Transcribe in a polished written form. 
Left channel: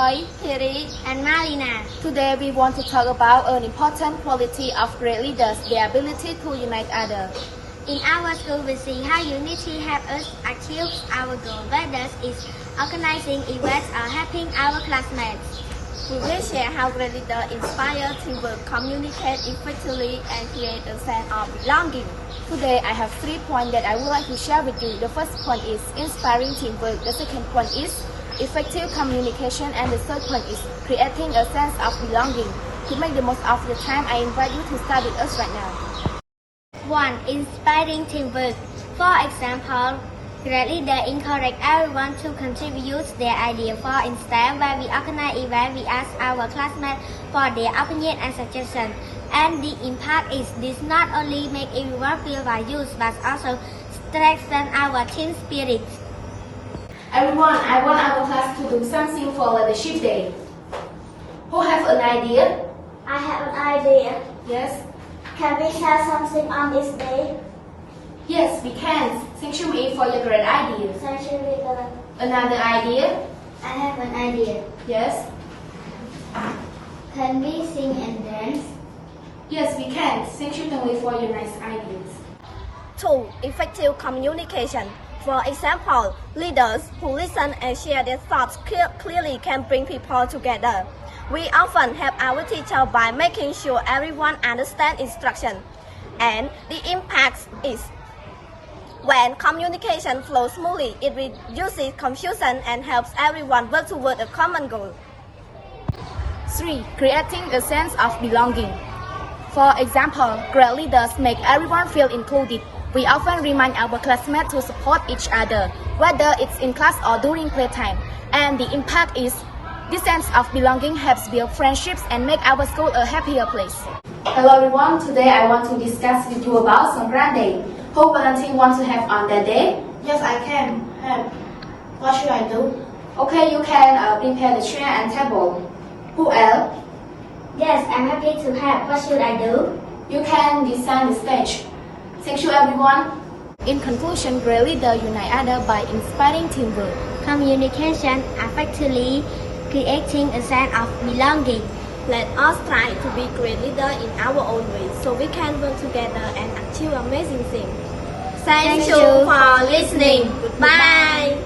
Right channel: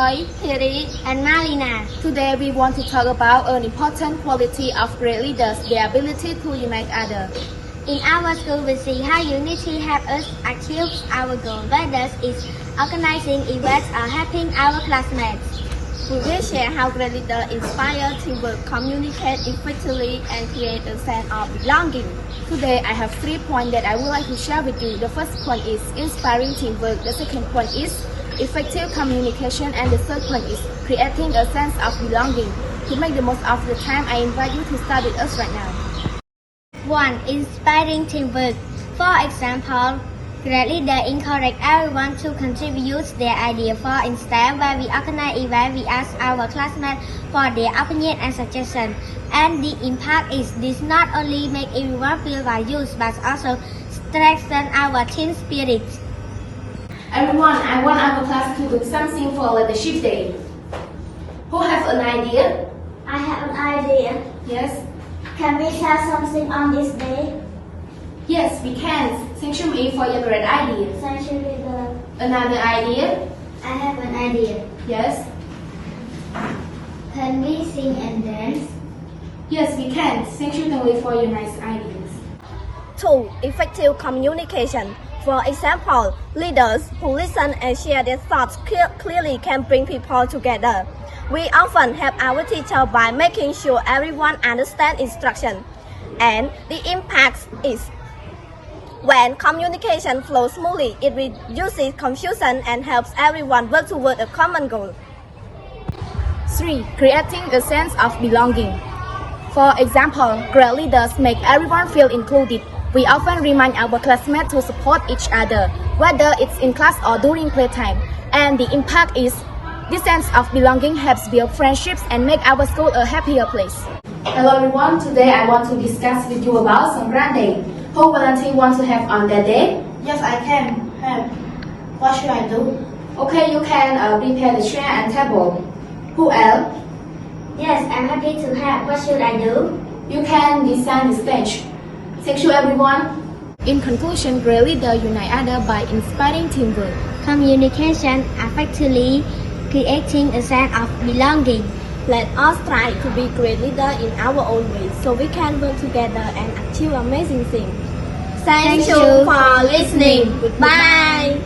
Reaksmey, Theary, and Malina. Today we want to talk about an important quality of great leaders, their ability to unite others. In our school, we see how unity helps us achieve our goal, whether it's organizing events or helping our classmates. We will share how great leaders inspire teamwork, communicate effectively, and create a sense of belonging. Today, I have 3 points that I would like to share with you. The first point is inspiring teamwork. The second point is effective communication, and the third point is creating a sense of belonging. To make the most of your time, I invite you to start with us right now. 1. Inspiring teamwork. For example, great leaders encourage everyone to contribute their idea. For instance, when we organize events, we ask our classmates for their opinion and suggestions. And the impact is this not only make everyone feel valued, but also strengthen our team spirit. Everyone, I want our class to do something for Leadership Day. Who have an idea? I have an idea. Yes? Can we share something on this day? Yes, we can. Thank you, May, for your great idea. Thank you, leader. Another idea? I have an idea. Yes? Can we sing and dance? Yes, we can. Thank you, May, for your nice ideas. 2. Effective communication. For example, leaders who listen and share their thoughts clearly can bring people together. We often help our teacher by making sure everyone understands instruction. And the impact is when communication flows smoothly, it reduces confusion and helps everyone work toward a common goal. 3. Creating a sense of belonging. For example, great leaders make everyone feel included. We often remind our classmates to support each other, whether it's in class or during playtime. And the impact is this sense of belonging helps build friendships and make our school a happier place. Hello everyone, today I want to discuss with you about Songkran Day. Who volunteer want to have on that day? Yes, I can. What should I do? Okay, you can prepare the chair and table. Who else? Yes, I'm happy to help. What should I do? You can design the stage. Thank you everyone. In conclusion, great leaders unite others by inspiring teamwork, Communication effectively, creating a sense of belonging. Let us try to be great leaders in our own way so we can work together and achieve amazing things. Thank you for listening. Goodbye.